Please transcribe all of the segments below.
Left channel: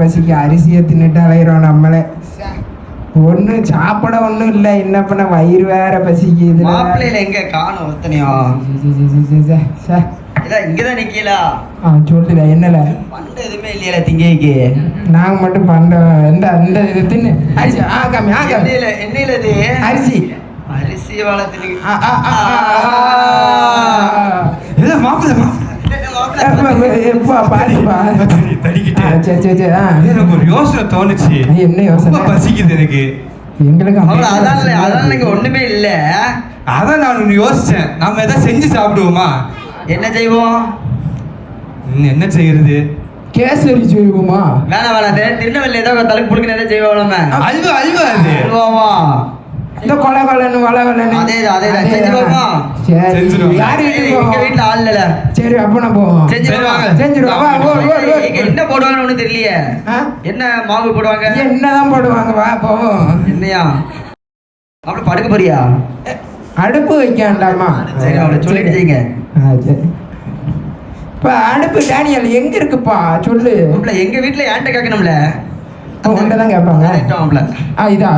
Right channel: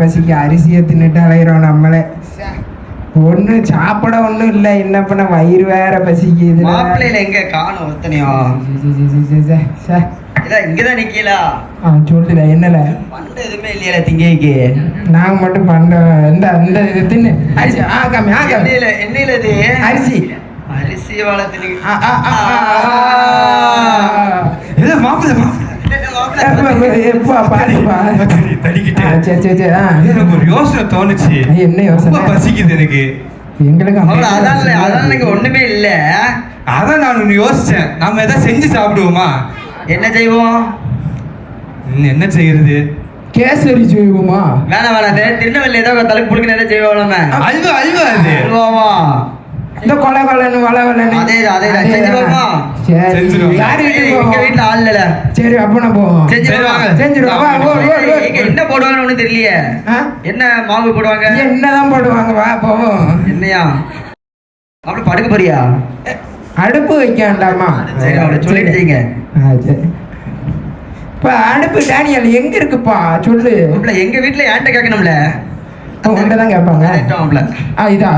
பசிக்கு அரிசியை தின்னுட்டு அலையிறோம் நம்மளே ஒண்ணு சாப்பிட ஒண்ணும் இல்ல என்ன பண்ண வயிறு வேற பசிக்குது மாப்பிள்ளையில எங்க காணும் ஒத்தனையும் இங்கதான் நிக்கலா சொல்லுல என்னல பண்ட எதுவுமே இல்லையா திங்கைக்கு நாங்க மட்டும் பண்ண இந்த இந்த இது தின்னு அரிசி ஆகாமி ஆகாமி எண்ணெயில எண்ணெயில இது அரிசி அரிசி வளர்த்துல ஆ, ஆ, ஆ, ஆ, ஆ. இல்ல மாப்பிள்ளை மாப்பிள்ளை. எப்பா, பாரு, பாரு. தடி- தடிக்கிட்டு. ஆ, சரி சரி சரி. ஆ. எனக்கு ஒரு யோசனை தோணுச்சு. நீ என்ன யோசனை? ரொம்ப பசிக்குது எனக்கு. எங்களுக்கு அதான் இல்ல, அதான் இங்க ஒண்ணுமே இல்ல. அதான் நான் யோசிச்சேன். நாம ஏதாவது செஞ்சு சாப்பிடுவோமா? என்ன செய்வோம்? என்ன செய்யறது? கேசரி செய்வோமா? வேணாம் வேணாம் தெ- திருநெல்வேலி ஏதோ தடுப்பு புடுக்க நிறைய செய்வோம் நம்ம? அல்வா அல்வா அது. இந்த கொலை கொலைன்னு வள வளன்னு அதேதான், அதேதான். செஞ்சுருவோமா? சரி. செஞ்சுருவோம். யார் எங்க? வீட்டுல ஆள் இல்ல. சரி அப்ப நான் போவோம் செஞ்சிருவாங்க. எங்க என்ன போடுவாங்கன்னு ஒண்ணும் தெரியலையே? என்ன மாவு போடுவாங்க? என்னதான் போடுவாங்க? வா போவோம் என்னையா? அப்படி படுக்க போறியா? அடுப்பு வைக்க வேண்டாமா சரி அவளை சொல்லிட்டு செய்யுங்க. ஆ, சரி. இப்ப அடுப்பு டேனியல் எங்க இருக்குப்பா? சொல்லு. எங்க வீட்டுல ஏன்ட்ட கேட்கணும்ல? உங்கள்கிட்ட தான் கேட்பாங்க. கரெக்டா மாப்பிள ஆ இதா?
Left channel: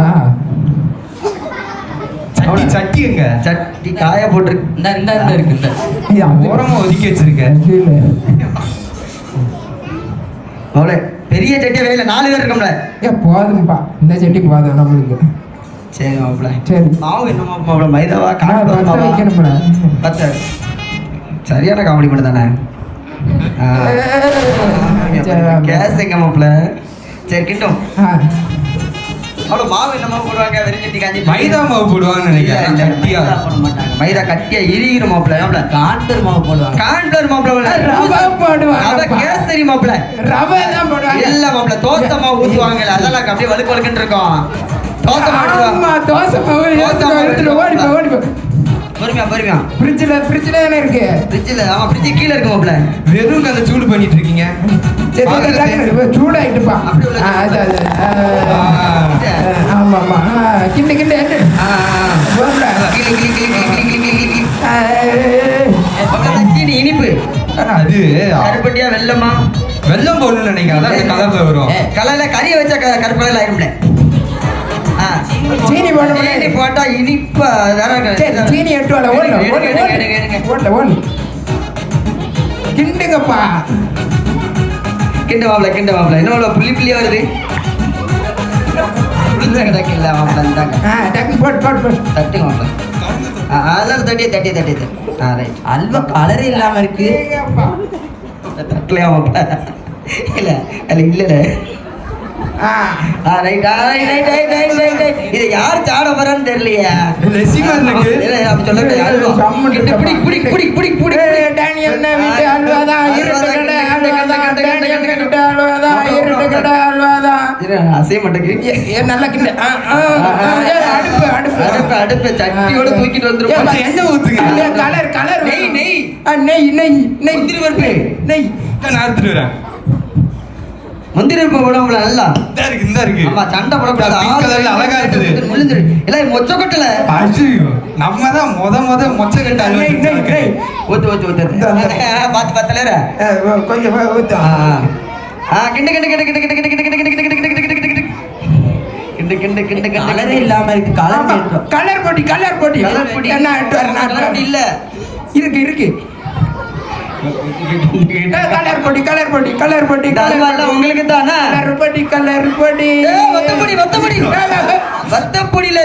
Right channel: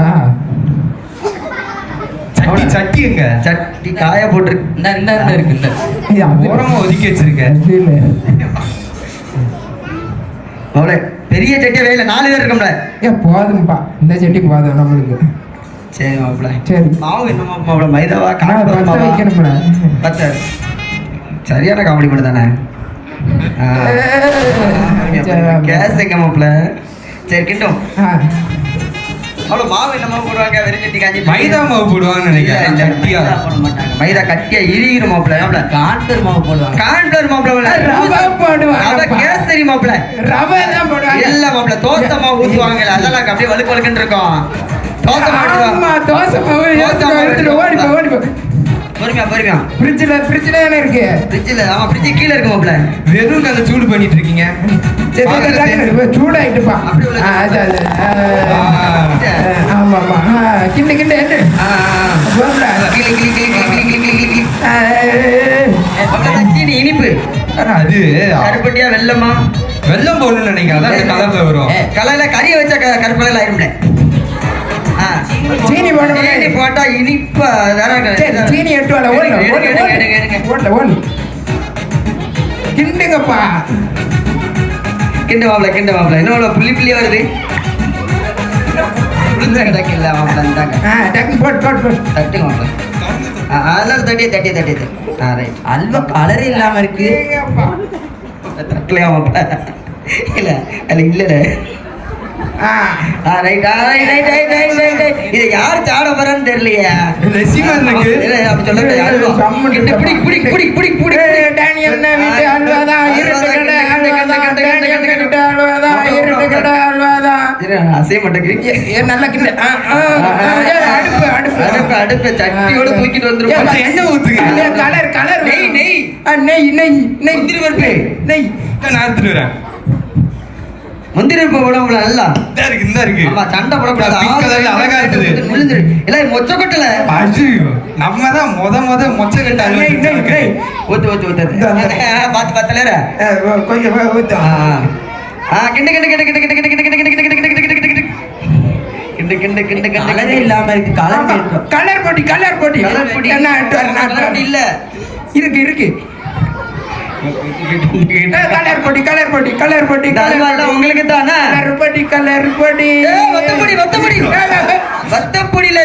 சட்டி சட்டி எங்க சட்டி காய போட்டுருக்கு இந்த இந்த இந்த இருக்கு இந்த. ஓரமா ஒதுக்கி வச்சிருக்கேன். மாப்பிள பெரிய சட்டியா வேலை நாலு பேர் இருக்கோம்ல. ஏ போதும்பா இந்த செட்டி போதும் நம்மளுக்கு. சரி மாப்பிள. சரி. மாவு என்னமா மாப்பிள? மைதாவா நான் காண பத்த வைக்கணும்ல பத்த சரியான காமெடி பண்ண தானே. கேஸ் எங்க மாப்பிள? சரி கிட்டும். ஆ. அவ்வளவு மாவு என்னமா போடுவாங்க? வெறும் சட்டி காஞ்சி மைதா மாவு போடுவான்னு நினைக்கிறேன். சட்டியா மைதா கட்டியா? இறுகிற மாப்பிள மாப்பிள கான்ஃபிளவர் மாவு போடுவாங்க. கான்ஃபிளவர் மாப்பிள ரவை போடுவாங்க. அதான் கேசரி மாப்பிள ரவை தான் போடுவாங்க. இல்ல மாப்பிள தோசை மாவு ஊத்துவாங்க. அதெல்லாம் அப்படியே வழுக்கு வழுக்குன்னு இருக்கும். தோசை மாவு ஆமா தோசை மாவு தோசை மாவு எடுத்துட்டு ஓடி போ ஓடி போ. பொறுமையா பொறுமையா ஃப்ரிட்ஜ்ல ஃப்ரிட்ஜ்ல தானே இருக்கு? ஃப்ரிட்ஜில் ஆமா ஃப்ரிட்ஜ் கீழே இருக்கு மாப்பிள வெறும் கதை சூடு பண்ணிட்டு இருக்கீங்க. சூடாயிட்டுப்பா அப்படி அது, அது, கிண்டு கிண்டு கிளி இனிப்பு. அது. கருப்பட்டியா வெள்ளமா வெள்ளம் போடணும்னு நினைக்கிறேன். கலர் வரும். கலர்ல கறியை வச்சா கருப்பலையில் ஆயிருந்தேன் சீனி போட்டு போட்டா இனிப்பா சீனி எட்டு கிண்டுங்கப்பா. கிண்ட வாப்ல கிண்ட வாப்ல என்ன புள்ளி புள்ளியா வருது. ರೋಟ್ ರೋಟ್ ರೋಟ್ ತಟ್ಟಿ ಹೋಗ್ಬೇಕು அப்படி சொல்லிட்டு பிடி பிடி பிடி பிடி பிடி டேனியல் அல்வாதான்? அசைய மாட்டேங்கிறீங்க அடுப்ப முந்திரி பருப்பு இருக்கு சண்டை போடக்கூடாது அழகா இருக்குது முடிஞ்சிரு இல்ல மொச்ச நம்ம தான் முத முத மொச்ச கட்ட பாத்து பாத்துலற கொஞ்சம் ஊத்து ஆ கிண்டு கிண்டு கிண்டு கிண்டு கிண்டு கிண்டு கிண்டு கிண்டு கிண்டு கிண்டு கலரே இல்லாம இருக்கு கலர் கலர் போட்டி கலர் போட்டி கலர் போட்டி என்ன இல்ல இருக்கு இருக்கு கலர் போட்டி கலர் போட்டி கலர் போட்டி உங்களுக்கு தானா கலர் போட்டி கலர் போட்டி வத்தப்பொடி வத்தப்பொடி வத்தப்பொடியில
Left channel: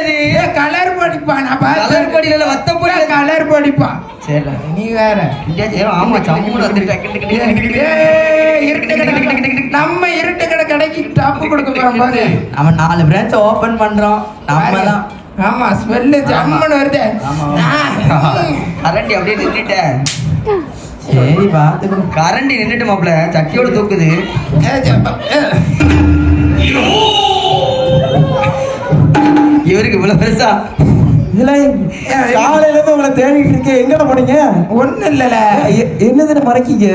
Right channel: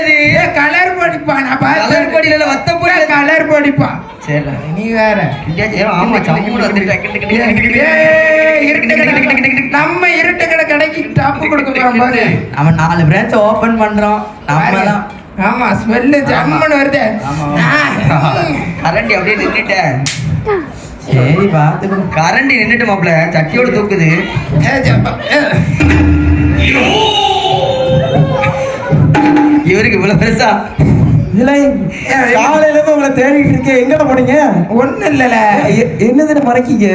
கலர் போட்டிப்பா நான் கலர் பொடியில வத்தப்பொடி கலர் போட்டிப்பா சரி நீ வேற ஆமா சம்பளம் வந்துருக்கா டாப்பு கொடுக்க போறோம் பாரு அவன் நாலு பிரான்ச் ஓபன் பண்றோம் நம்ம தான் ஆமா ஸ்மெல்லு ஜம்முன்னு வருது. கரண்டி அப்படியே நின்னுட்டேன். சரி பாத்துக்கோ கரண்டி நின்னுட்டு மாப்ள சட்டியோட தூக்குது. இவருக்கு இவ்வளவு பெருசா? காலையில இருந்து உங்களை தேடிட்டு இருக்கேன். எங்க போனீங்க? ஒண்ணும் இல்லல. எ- என்னதுன்னு மறைக்கீங்க?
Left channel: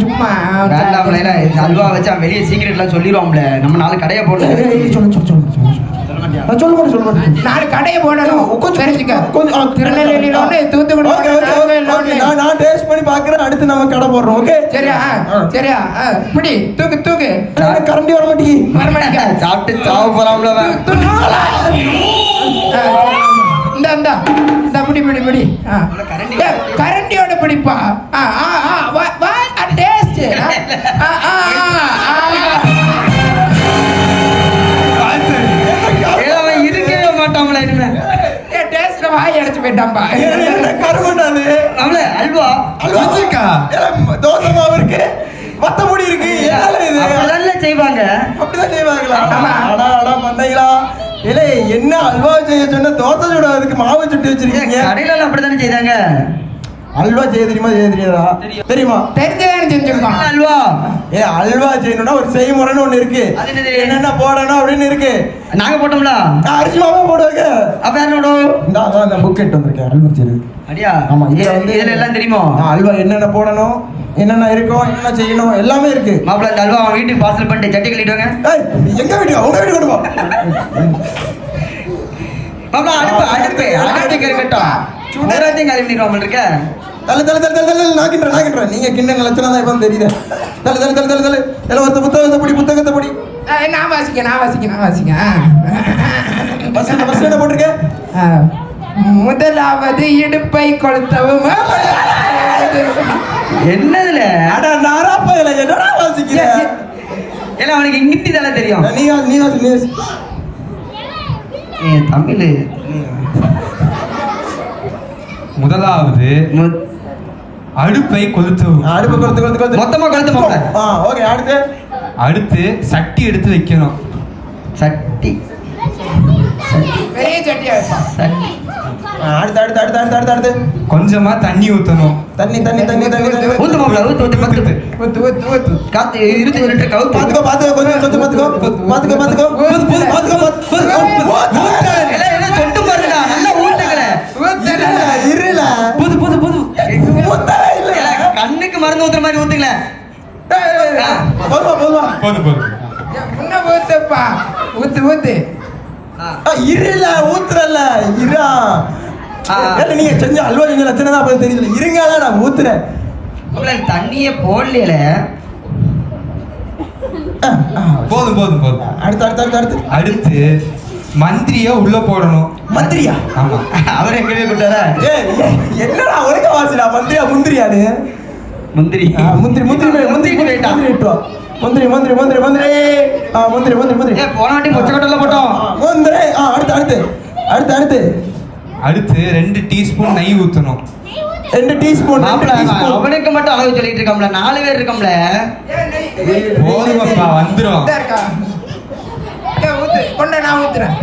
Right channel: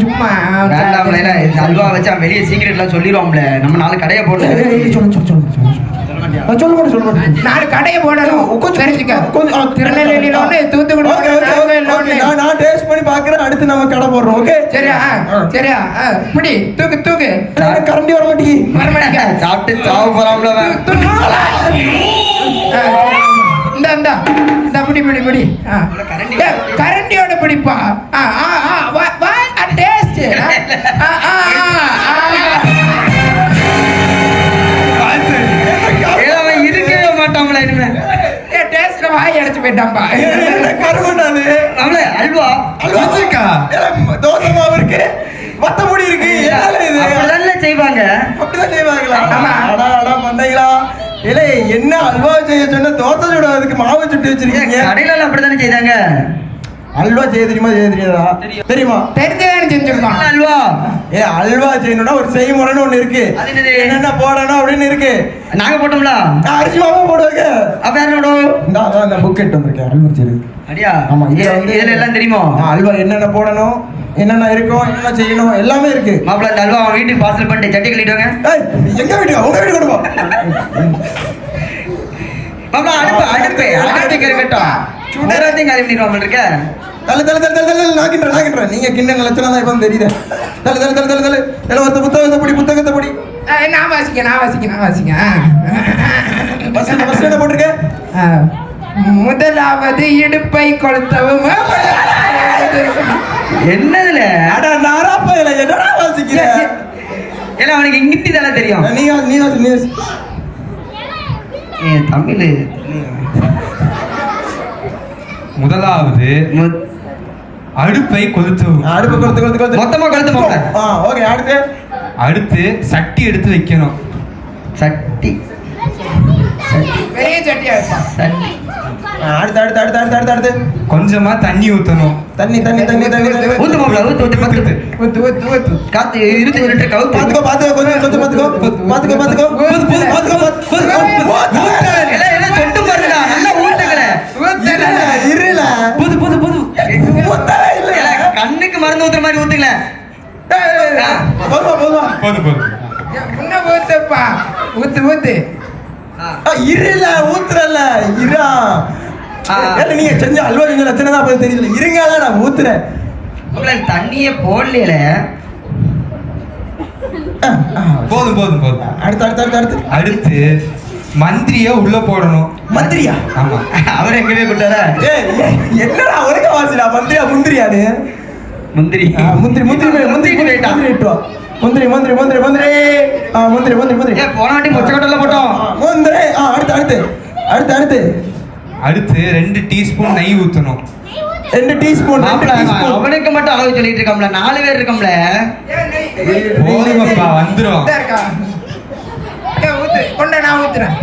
சும்மா வேண்டாம்ல இந்த அல்வா வெளியே சீக்கிரட்லாம் சொல்லிடுவோம்ல நம்ம கடையை போட்டு சொல்லு சொல்லு சொல்லு சொல்லு கடையை போடணும் கொஞ்சம் கிடைச்சிக்க கொஞ்சம் திருநெல்வேலியில தூத்துக்குடி நான் டேஸ்ட் பண்ணி பாக்குறேன் அடுத்து நம்ம கடை போடுறோம் ஓகே சரியா சரியா இப்படி தூக்கு தூக்கு கரண்டி வர மாட்டேங்கி சாப்பிட்டு சாவு போறாம்ல இந்த இந்த பிடி பிடி பிடி கரண்டியோட பிடிப்பா செய்வாங்க. அப்படிதான் செய்வாங்களா? மண்டைகளா? ஏலே என்ன அல்வா செய்ய சொன்ன தோசை சுட அதுக்கு மாவு சுட்டு வச்சிருக்கீங்க? கடையில அப்படித்தானே செய்தாங்க. அல்வா செய்ய தெரியுமா செய்ய தெரியாதா? தெரியுமா. தெரிஞ்சுதான் செஞ்சுக்கணும் அல்வா? ஏ அல்வா செய்யணும்னா ஒரு செய்முறைன்னு ஒண்ணு இருக்கு? என்னென்ன போடணும் அப்படின்னு இருக்கு. நாங்க போட்டோம்ல? நான் அரிசி மாவு போடுவாங்க. அப்ப யாரோட இந்த அதான் இந்த புக் எடுத்து வந்திருக்கேன் அல்வா செய்யுது அடியா ஆமா இதுல எல்லாம் தெரியுமோ? அல்வா என்னென்ன போடணும்? என்னென்ன இருக்குமோ என்ன செய்யணுமோ எல்லாமே இருக்கு. மாப்பிள்ள தல்வா அவன் வீட்டுக்கு பாசல் பண்ணிட்டு சட்டி கழிட்டாங்க எங்க வீடு உங்க வீடு கொடுப்பா மாப்பிள்ள அனுப்பு அனுப்பு அனுப்பி கிளம்பிட்டோம் சுடராத்தையும் கிளம்பிடுவோம் இருக்க. தலை தலை தலை தலை தலை நாக்கின்ற நாக்கின்ற நீங்க கிண்ணன் லட்சணம் தான் இப்போ தெரியுது. தலை தலை தலை தலை தலை தலை ஒருத்த புத்தகத்தை படி புத்தகத்தை படி. நான் வாசிக்க நான் வாசிக்க நான் வாசிக்க பஸ் பஸ் என்ன போட்டிருக்க? முதலாவது இடுப்பை கொளுத்தவும். என்னதுல? அட நாரா பையல என்னடா அவனுக்கு இங்கிட்டு தானே தெரியும். நீ நீ நீ. ஏ தமிழ். முதலாவது அடுப்பை கொளுத்து அடுப்பு கொடுத்து கொடுத்து கொடுத்து மொத்தமா கழுத்து மாப்பிள்ள ஆ ஓகே அடுத்து. அடுத்து சட்டி எடுத்து வைக்கணும். சட்டி. பெரிய சட்டியா? சட்டி. அடுத்து அடுத்து அடுத்து கொஞ்சமா தண்ணி ஊத்தணும். தண்ணி தண்ணி தண்ணி தண்ணி ஊத்து மாப்பிள்ள ஊத்து ஊத்து பத்து ஊத்து ஊத்து ஊத்து. காத்து இருபத்தஞ்சு லிட்டர் கவுத்து பாத்துக்கோ பாத்துக்கோ கொஞ்சம் கொஞ்சம் பாத்துக்கோ. பாத்துக்கோ பாத்துக்கோ பாத்துக்கோ. பாத்துக்கோ. பாத்துக்கோ எல்லாம் எல்லாம் சொட்டு பாருடா நல்லா ஊத்துங்களே. இருல இருல புது புது புது. முத்தல இல்ல. கண்ணுக்கு மருந்து ஊத்துற மாதிரி ஊத்துங்களேன் போதுமா போதுமா? போதும் போதும் ஊத்து ஊத்து. ஆ, இருல ஊத்துறல இரா ஏன்னா நீங்க செஞ்ச அல்வா செஞ்ச லட்சணம் தான் தெரியல இருங்கல நான் ஊத்துறேன். தண்ணியே போடல. போதும் போதும் போதும். அடுத்து அடுத்து அடுத்து அடுத்து. அடுத்து மந்திரிய உள்ள போடணும். மந்திரியா? ஆமா. அவர் எங்கவே கூட்டாரா ஏய் என்னடா ஒருக்க வாசிடா? மந்திரியா முந்திரியானு முந்திரி. முந்திரி முந்திரி முந்திரி முந்திரி முந்திரி. முந்திரி. முந்திரி முந்திரி முந்திரி முந்திரி. முந்திரி முந்திரி முந்திரி. ஏ போன வாட்டி முச்சக்கோட்டெல்லாம் போட்டோம். முந்திரி. அடுத்து அடுத்து. அடுத்து அடுத்து. அடுத்து ரெண்டு டீஸ்பூன் நெய் ஊத்தணும். ரெண்டு டீஸ்பூன் அவனுக்கு மட்டும் அளவு சொல்லிட்டு இருக்கோம்ல. நாலு பேர் இருக்கோம்ல. போதுமப்பா கொண்டு நான் ஊத்துறேன்.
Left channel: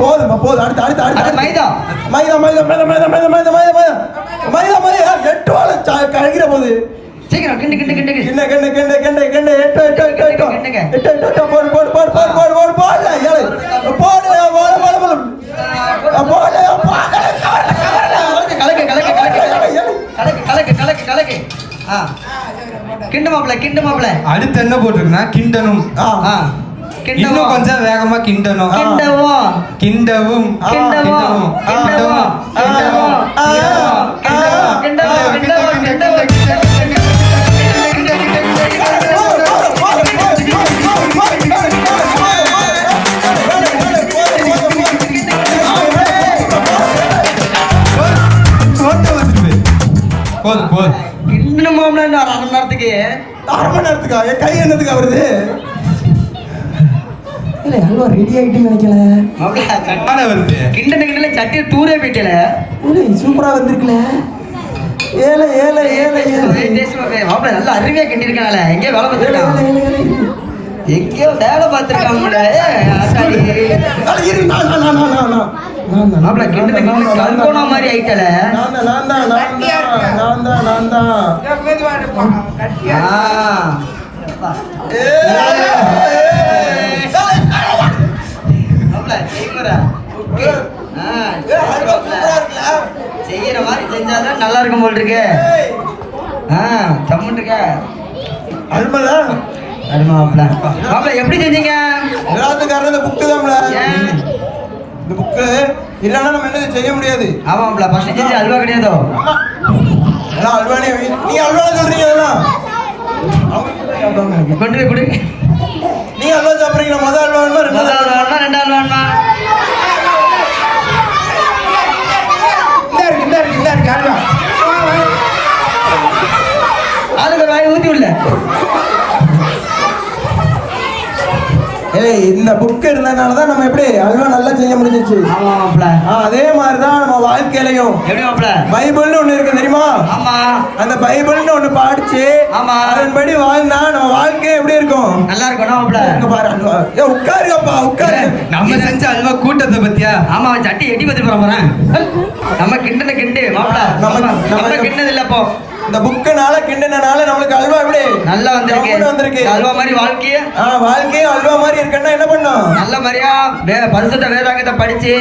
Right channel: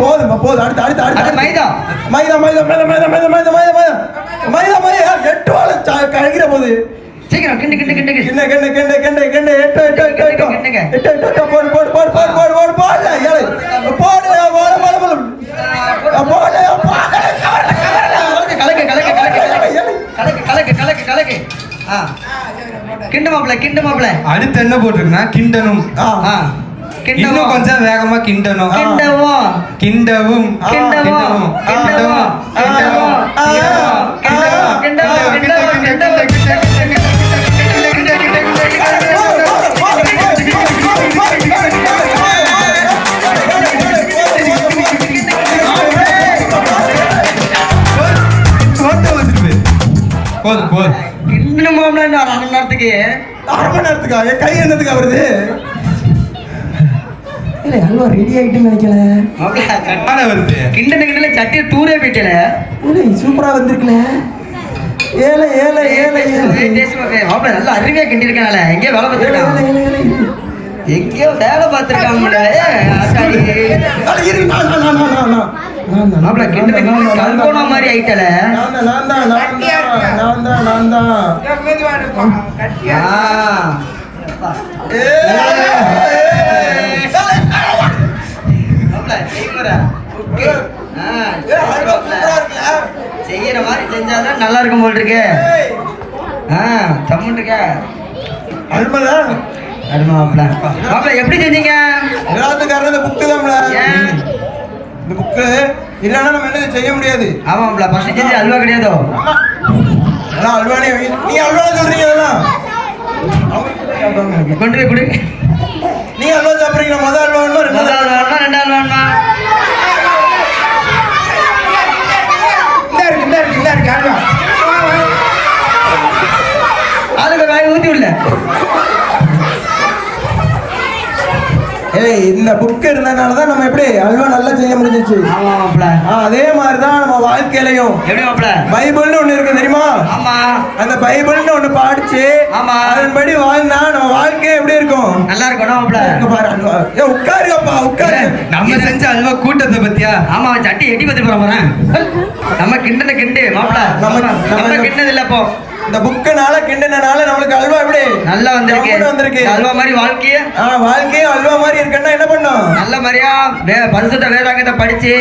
போதும் போதும். அடுத்து அடுத்து அடுத்து. மைதா. மைதா மைதா மைதா மைதா மைதா மைதா மைதா மைதா. மைதா மைதா எட்டு வாழை சா- கழிக்கிற போது. சீக்கிரம் கிண்டு கிண்டு கிண்டு. கிண்டு. கிண்ட கிண்ட கிண்ட. கிண்டு மாப்பிள. அடுத்து என்ன போட்டிருக்குன்னா கிண்டனும். இன்னும் கொஞ்சம் வேகமா கிண்டனும் கிண்டவும். கிண்டவும். கிண்டவும் கிண்டவும் இல்ல அல்வா ரெடி ஆயிட்டு வைக்கல. கிண்டன கிண்டல சட்டிய தூரே போயிட்டல உள்ள சூப்பரா வந்திருக்கல ஏல ஏல ஏல ஏல. பாப்பா நல்ல அருமையா கிண்டி இருக்கானல வேலை பார்த்திருக்கான் எங்கேயோ வேலை பார்த்திருக்கான் உங்கள மாப்பிள கிண்டன கிண்டல கல்கோனா மாதிரி ஆயிட்டல. நான் தான் நான் தான் நான் தான் நான் தான் ஆ. ஏ செய்யற மாதிரி செஞ்சாதான் நல்லா இருக்கும் போல் இருக்கு ஆ சம்மன் இருக்க அல்மலா, அருமா எப்படி செஞ்சீங்க? எல்லாத்துக்காரரும் இந்த book தான்ல. இந்த book இல்லைன்னா நம்ம என்ன செய்ய முடியாது. ஆமா மாப்பிள்ள ஃபர்ஸ்ட் செஞ்சு அல்வா கிடையாதோ? எல்லாம் அல்வானே வை- நீ அல்வா சொல்றீங்க அதெல்லாம்? கொண்டு கொடு. நீ அல்வா சாப்பிடுறீங்க முதல் அல்வா முதல் வேணுமா ரெண்டாவது வேணுமா இந்த இருக்கு இந்த இருக்கு இந்த இருக்கு அல்வா வா, வா. அதுக்கு வாய் ஊத்தி விடல ஏய் இந்த புக் இருந்தனால தான் நம்ம எப்படி அல்வா நல்லா செய்ய முடிஞ்சிச்சு? அதே மாதிரி தான் நம்ம வாழ்க்கையிலையும். பைபிள்னு ஒண்ணு இருக்கு தெரியுமா? அந்த பைபிள்னு ஒண்ணு படிச்சு ஆமா. அதன்படி வாழ்ந்தா நம்ம வாழ்க்கை எப்படி இருக்கும்? நல்லா இருக்கணும் உட்காருங்கப்பா உட்காரு. நம்ம செஞ்ச அல்வா கூட்டத்தை பத்தியா? ஆமா சட்டி எட்டி பத்தி போற போறேன். நம்ம கிண்டன கிண்டு மாப்பிள்ள நம்ம- நம்ம நம்ம- நம்ம கிண்டது இல்ல இந்த புக்குனால கிண்டனால எப்படி நல்லா வந்திருக்கு வந்திருக்கு அல்வா மாதிரி வாழ்க்கைய. ஆ வாழ்க்கையும் அல்வா மாதிரி இருக்குன்னா என்ன பண்ணும்? நல்ல மாதிரியா பரிசுத்த வேதாங்கத்தை படிச்சு.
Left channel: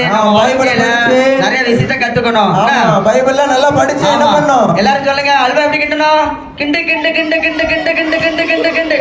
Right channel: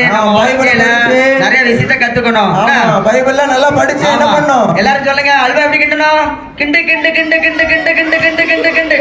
நிறைய விஷயத்த கத்துக்கணும்? பைபிள்லாம் நல்லா படிச்சு என்ன. பண்ணும்? எல்லாரும் சொல்லுங்க அல்வா எப்படி கிண்டணும் கிண்டு கிண்டு கிண்டு கிண்டு கிண்டு கிண்டு கிண்டு கிண்டு கிண்டு.